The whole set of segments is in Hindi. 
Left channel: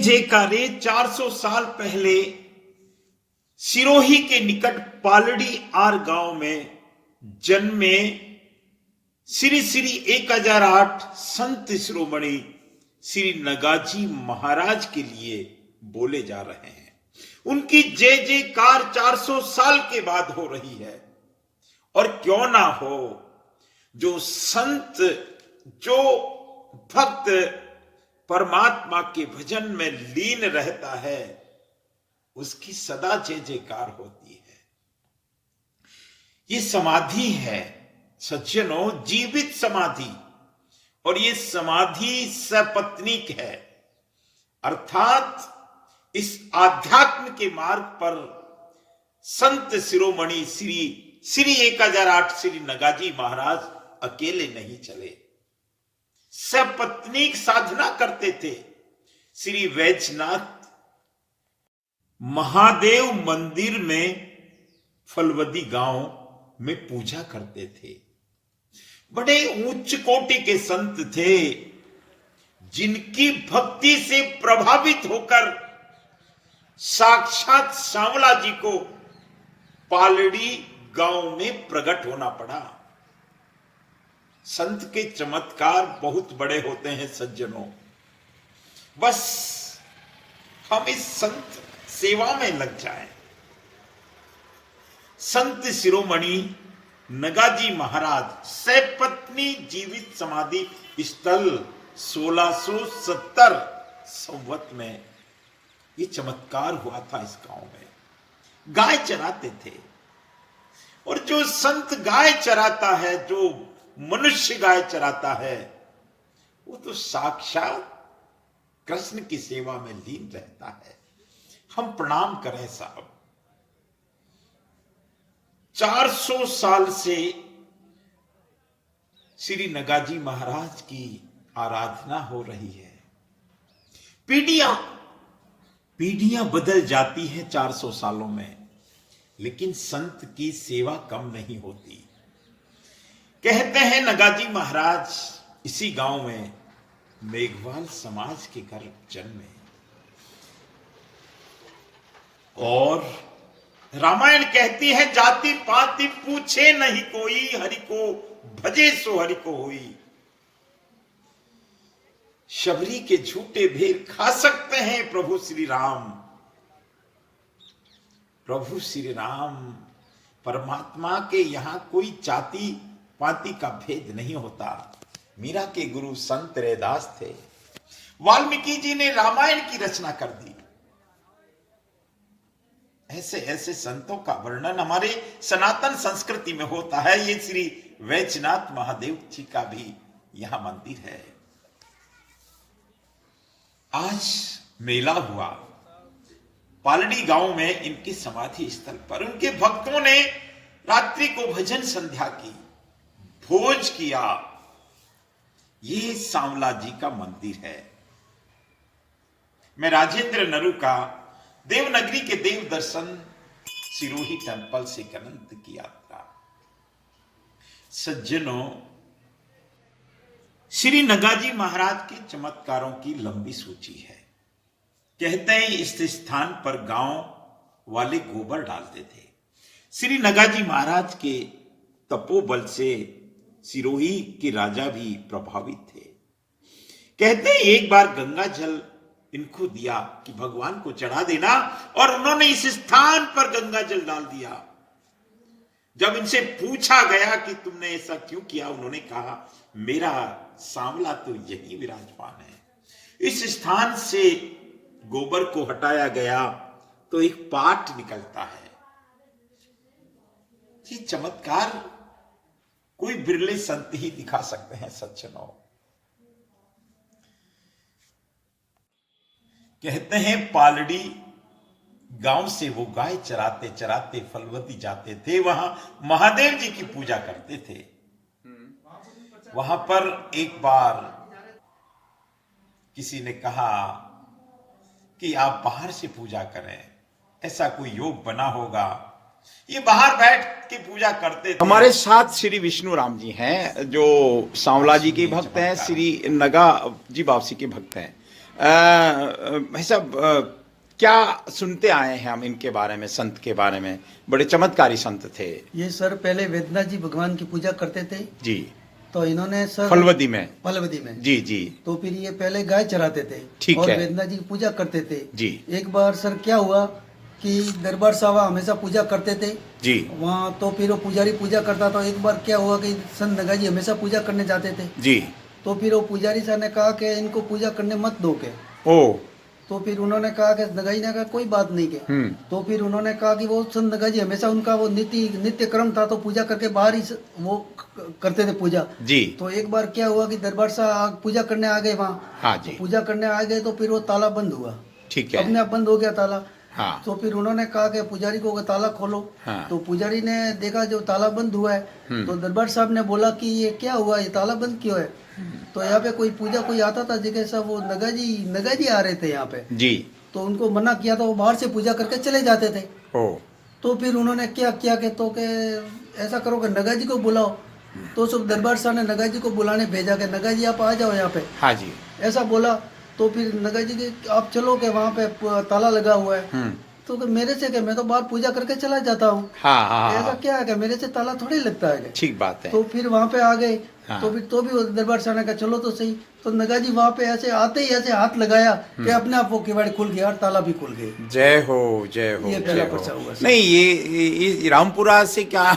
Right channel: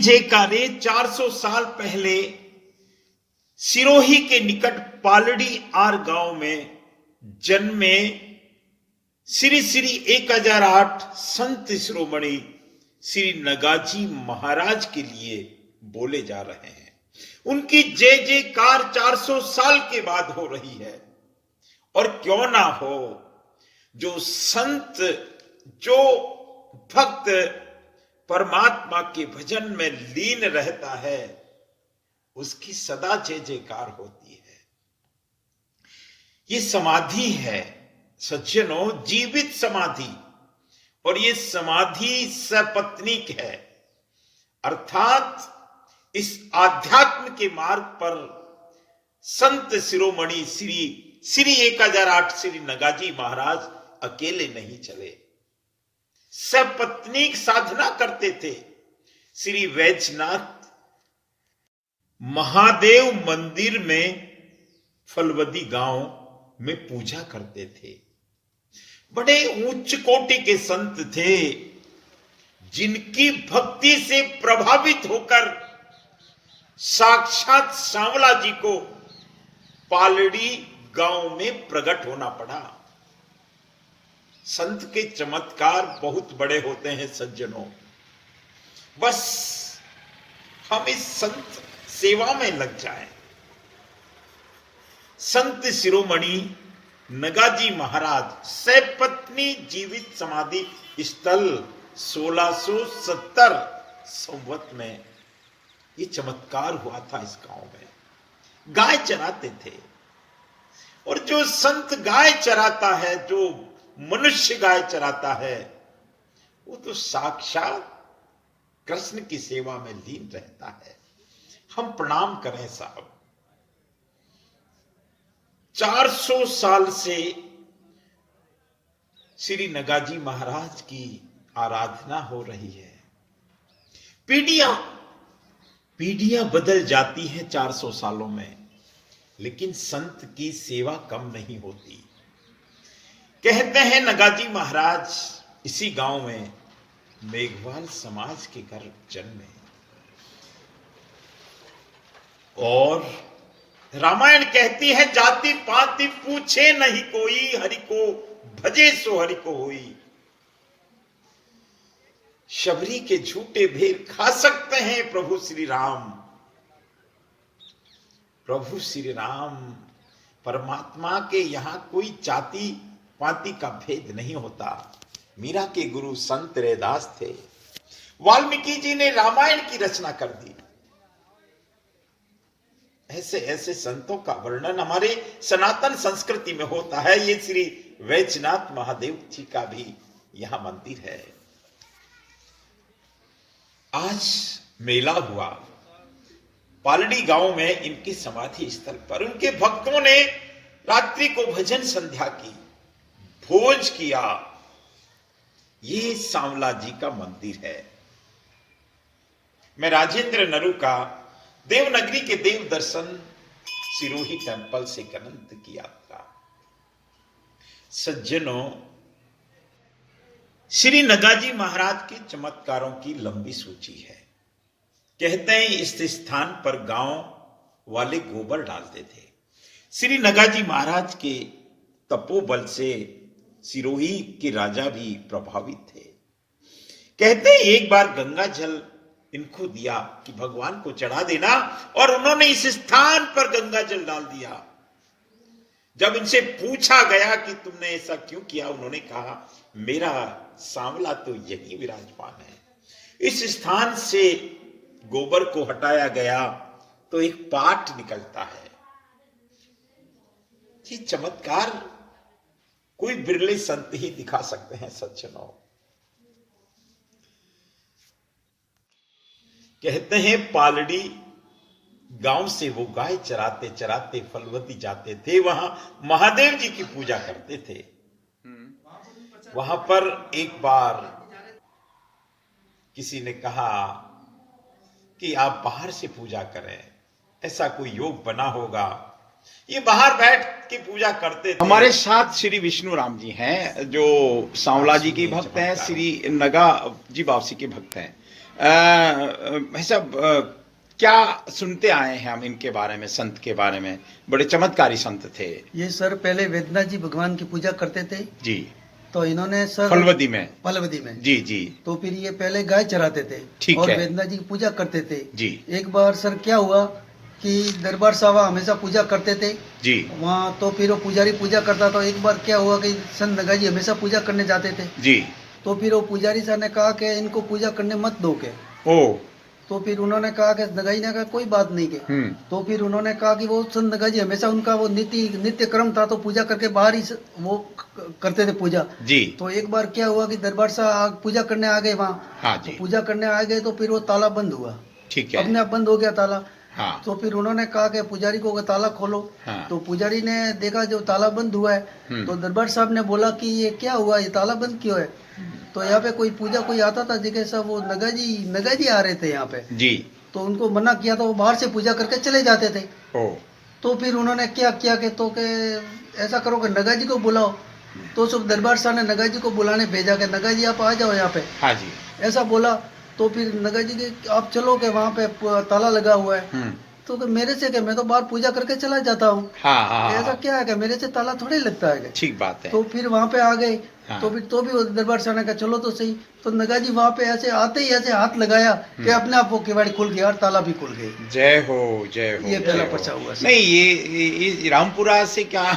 जे कारे 400 साल पहले सिरोही के निकट पालड़ी आर गांव में जन्मे श्री श्री 1008 संत शिरोमणि श्री नगाजी महाराज के लिए बोले जा रहे हैं। उनकी जय जयकार 400 साल के बाद हो रही है। और क्यों ना हो, जो संत, जो भक्त परमात्मा के भजन में लीन रहता है, उसकी सदा जय जयकार होती है। ये समाधि है सज्जनों, जीवित समाधि, और ये समाधि सपत्नीक है, अर्थात इस आध्यात्म के मार्ग पर संत शिरोमणि श्री श्री 1008 श्री नगाजी महाराज अकेले नहीं चले, सपत्नीक साधना करते थे। श्री वैजनाथ महादेव मंदिर में फलवदी गांव में पूजा करते थे। बड़े उच्च कोटि के संत थे, जिनकी भक्ति से प्रभावित होकर साक्षात सांवला जी को पालड़ी गांव में प्रकट होना पड़ा। संत के चमत्कार बहुत बड़े होते हैं सज्जनों। बस हम इस संत सेवा में लग जाएं। संत शिरोमणि नगाजी महाराज सपत्नी जीवित समाधि स्थल 1670 संवत में ये चमत्कार हुआ था। इस गांव में गाय चराते थे, और जो संत गाय चराता है, जो मनुष्य गाय चराता है, वो तो साक्षात कृष्ण की सेवा में लीन रहता है। हम प्रणाम करें साहब। 400 साल से श्री नगाजी महाराज की आराधना हो रही है। पीढ़ियां बदल जाती हैं 400 सालों में, लेकिन संत की सेवा कम नहीं होती। कहते हैं नगाजी महाराज इसी गांव में मेघवाल समाज के घर जन्मे, और रामायण कहती है जाति पाति पूछे नहीं कोई, हरि को भजे सो हरि को होई। शबरी के झूठे भेद खा सकते हैं प्रभु श्री राम। प्रभु श्री राम परमात्मा के यहां कोई जाति पाति का भेद नहीं होता। मीरा के गुरु संत रैदास थे। वाल्मीकि जी ने रामायण की रचना कर दी। ऐसे ऐसे संतों का वर्णन हमारे सनातन संस्कृति में होता है। ये श्री वैजनाथ महादेव जी का भी यहां मंदिर है। आज मेला हुआ पालड़ी गांव में इनकी समाधि स्थल पर। उनके भक्तों ने रात्रि को भजन संध्या की, भोज किया। ये सांवला जी का मंदिर है। मैं राजेंद्र नरू का देवनगरी के देव दर्शन सिरोही टेंपल से अनंत की यात्रा। सज्जनों, श्री नगाजी महाराज के चमत्कारों की लंबी सूची है। कहते हैं इस स्थान पर गांव वाले गोबर डालते थे। श्री नगाजी महाराज के तपोबल से सिरोही के राजा भी प्रभावित थे। कहते हैं एक बार गंगा जल इनको दिया कि भगवान को चढ़ा देना, और उन्होंने इस स्थान पर गंगा जल डाल दिया। जब इनसे पूछा गया कि तुमने ऐसा क्यों किया, उन्होंने कहा मेरा सांवला तो यही विराजमान है। इस स्थान से गोबर को हटाया गया तो एक पाठ निकलता है। ये चमत्कार कोई बिरले संत ही दिखा सकते हैं सज्जनों। कहते हैं पालड़ी गांव से वो गाय चराते चराते फलवती जाते थे। वहां महादेव जी की पूजा करते थे। वहां पर एक बार किसी ने कहा कि आप बाहर से पूजा करें, ऐसा कोई योग बना होगा। ये बाहर बैठ के पूजा करते थे। हमारे साथ श्री विष्णु राम जी हैं, जो सांवला जी के भक्त हैं, श्री नगा जी वापसी के भक्त हैं। भाई साहब, क्या सुनते आए हैं हम इनके बारे में, संत के बारे में? बड़े चमत्कारी संत थे। ये सर पहले वेदनाथ जी भगवान की पूजा करते थे। जी। तो इन्होंने सर फलवदी में। फलवदी में। जी जी। तो फिर ये पहले गाय चराते थे। ठीक और है। वेदनाथ जी की पूजा करते थे। जी। एक बार सर क्या हुआ कि दरबार साहब हमेशा पूजा करते थे जी। वहाँ। तो फिर वो पुजारी पूजा करता था। एक बार क्या हुआ कि संत नगा जी हमेशा पूजा करने जाते थे। जी। तो फिर वो पुजारी साहब ने कहा कि इनको पूजा करने मत दो के। ओ। तो फिर उन्होंने कहा कि नगा जी ने कहा कोई बात नहीं के। तो फिर उन्होंने कहा कि वो संत नगा जी हमेशा उनका वो नित्य क्रम था, तो पूजा करके बाहर ही वो करते थे पूजा। जी। तो एक बार क्या हुआ कि दरबार साहब पूजा करने आ गए वहाँ। हाँ जी। तो पूजा करने आ गए तो फिर वो ताला बंद हुआ। ठीक है। अपने आप बंद हो गया ताला। हाँ। तो फिर उन्होंने कहा कि पुजारी को ताला खोलो। हाँ। तो पुजारी ने देखा जो ताला बंद हुआ है। तो दरबार साहब ने बोला कि ये क्या हुआ, ये ताला बंद क्यों है? तो यहाँ पे कोई आता था जगह सब, वो नगा जी आ रहे थे यहाँ पे। जी। तो उनको मना किया था, वो बाहर से पूजा करके चले जाते थे। ओ। तो फिर उन्होंने क्या किया कि तो के ऐसा करो कि नगा जी को बुलाओ। तो सब दरबार साहब ने नगा जी को बुलाने भेजा कि नगा जी आप आ जाओ यहाँ पे। हाँ जी। ऐसा बोला। तो फिर नगा जी के आप चलो के वहाँ पे ताला लगा हुआ है। तो कि मेरे से कि मैं तो बाहर पूजा करके चला जाता हूँ। हाँ हाँ। ऐसा क्या है कि मेरे से ताला थोड़ी लगता है। ठीक बात है। तो फिर वहाँ पे आ गए। हाँ। तो फिर तो भी वो दरबार साहब ने कहा चलो तो सही। तो नगा जी वहाँ पे ऐसे आते ही ऐसे हाथ लगाया कि अपने आप वो किवाड़ी खुल गया और ताला भी खुल गए। जय हो जय हो। ये पहला जय हो। पर्चा हुआ सर। नहीं, ये रामपुरा से क्या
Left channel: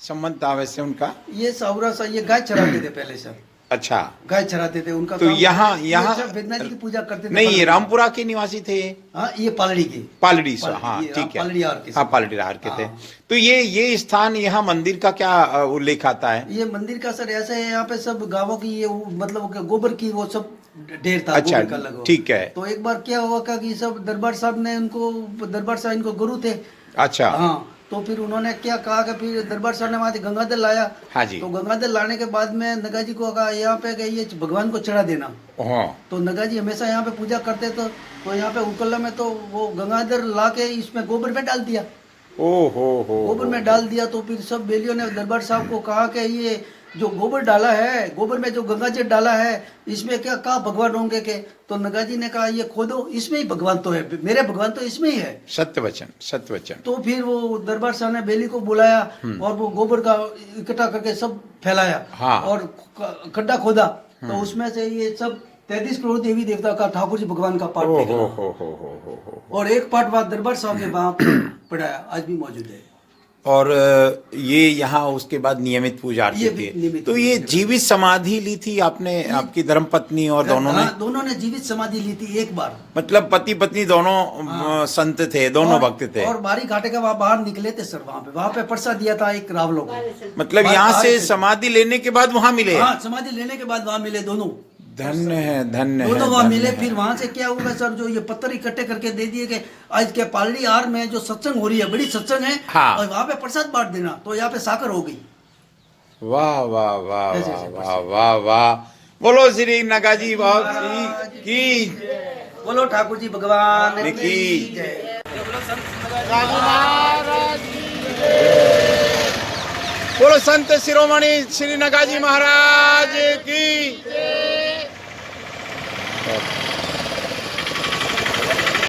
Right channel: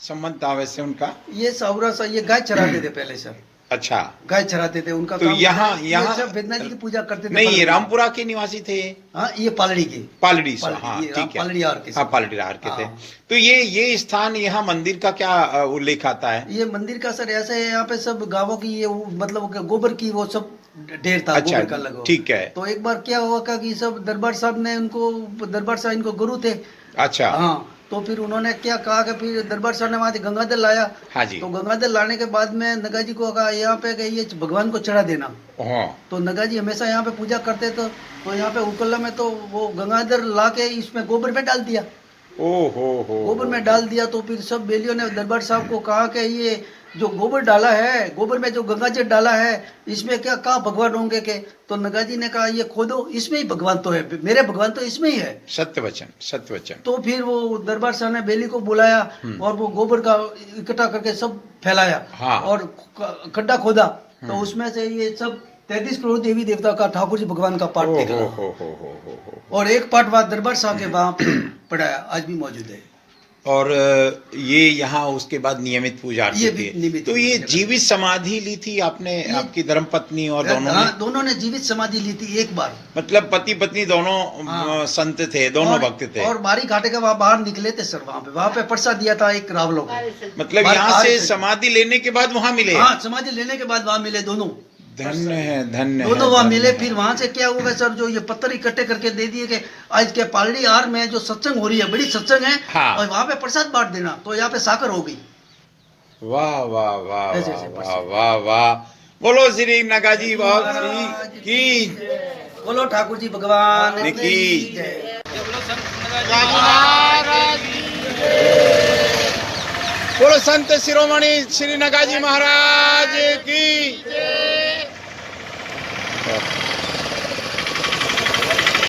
संबंध था वैसे उनका? ये सावरा सा ये गाय चराते थे पहले सर। अच्छा। गाय चराते थे, उनका तो काम यहाँ सब वेदनाथ जी की पूजा करते थे। नहीं, ये रामपुरा के निवासी थे। हाँ, ये पालड़ी के। पालड़ी से। पालड़ी, हाँ ये ठीक है। पालड़ी आर के। हाँ, पालड़ी आर के थे। हाँ। तो ये स्थान, यहाँ मंदिर का क्या उल्लेख आता है? ये मंदिर का सर ऐसे है, यहाँ पे सब गांवों की ये मतलब गोबर की वो सब ढेर था। अच्छा, गोबर का लगा। ठीक है। तो एक बार क्या हुआ कि सब दरबार साहब इनको गुरु थे। अच्छा। हाँ। तो फिर उन्होंने क्या कहा कि फिर दरबार साहब ने वहां से गंगाजल लाया। हाँ जी। तो गंगाजल लाने के बाद में नगा जी को कहा यहाँ पे कि ये भगवान को चढ़ा देना। हाँ। तो नगा जी हमेशा यहाँ पे पूजा करते थे। तो यहाँ पे उकल्ला में तो वो गंगाधर ला के इसमें गोबर में डाल दिया। हो गोबर में डाल दिया। तो फिर सब बेलियों ने दरबार साहब को कहा कि ये जो गोबर डाला है, गोबर में जो गंगाजल डाला है, इसमें क्या कहा भगवान होंगे के? तो नगा जी ने कहा ये खोदो, इसमें ही भगवान तो है, मेरे भगवान तो इसमें ही है। सत्य वचन, सत्य वचन। तो फिर वो दरबार साहब ने बेली को बुलाया और वो गोबर का इकट्ठा करके सब फैलाया। हाँ। और खड्डा खोदा। तो उसमें से ये सब 33 करोड़ देवी देवता का ठाकुर जी भगवान का पाठ निकला। हो। और एक पाठ वहाँ दरबार साहब के वहाँ पढ़ाया, आज भी मौजूद है। और ये यहाँ उसके बाद नियमित पूजा ये आरती भी नियमित थी। तो ये पूजा। जीवित समाधि ली थी आपने, आपकी धर्मपत्नी और दोनों ने? हाँ, दोनों ने जीवित समाधि ली थी एक बार। मतलब पति पत्नी दोनों हाँ। संत थे, दोनों भक्त थे। और बारी घाटे के वहाँ बाहर निकले थे सर। वहाँ पे प्रसाद दिया था एक रावलों को। मतलब यहाँ से समाधि लेने के बाद वहाँ मिले? हाँ, समाधि लेने के बाद वहाँ मिले दोनों। धन्य है, धन्य दोनों है, वहाँ धन्य मिले। है। फिर वहां से क्या होगा सर, जो ये पत्थर इकट्ठे करके दे दिए कि आज के पालड़ी आर में जो सत्संग हो रही है, बड़ी सत्संग है। हाँ। और वहां पे प्रसाद बांट देना। तो यहाँ पे साकर हो गई। वाह वाह वाह ऐसे वाह ऐसे वाह वाह वाह। बोलो श्री नगाजी बाबा श्री की। बोलो ठाकुर जी भगवान की जय। बोलो संत शिरोमणि श्री नगाजी महाराज की।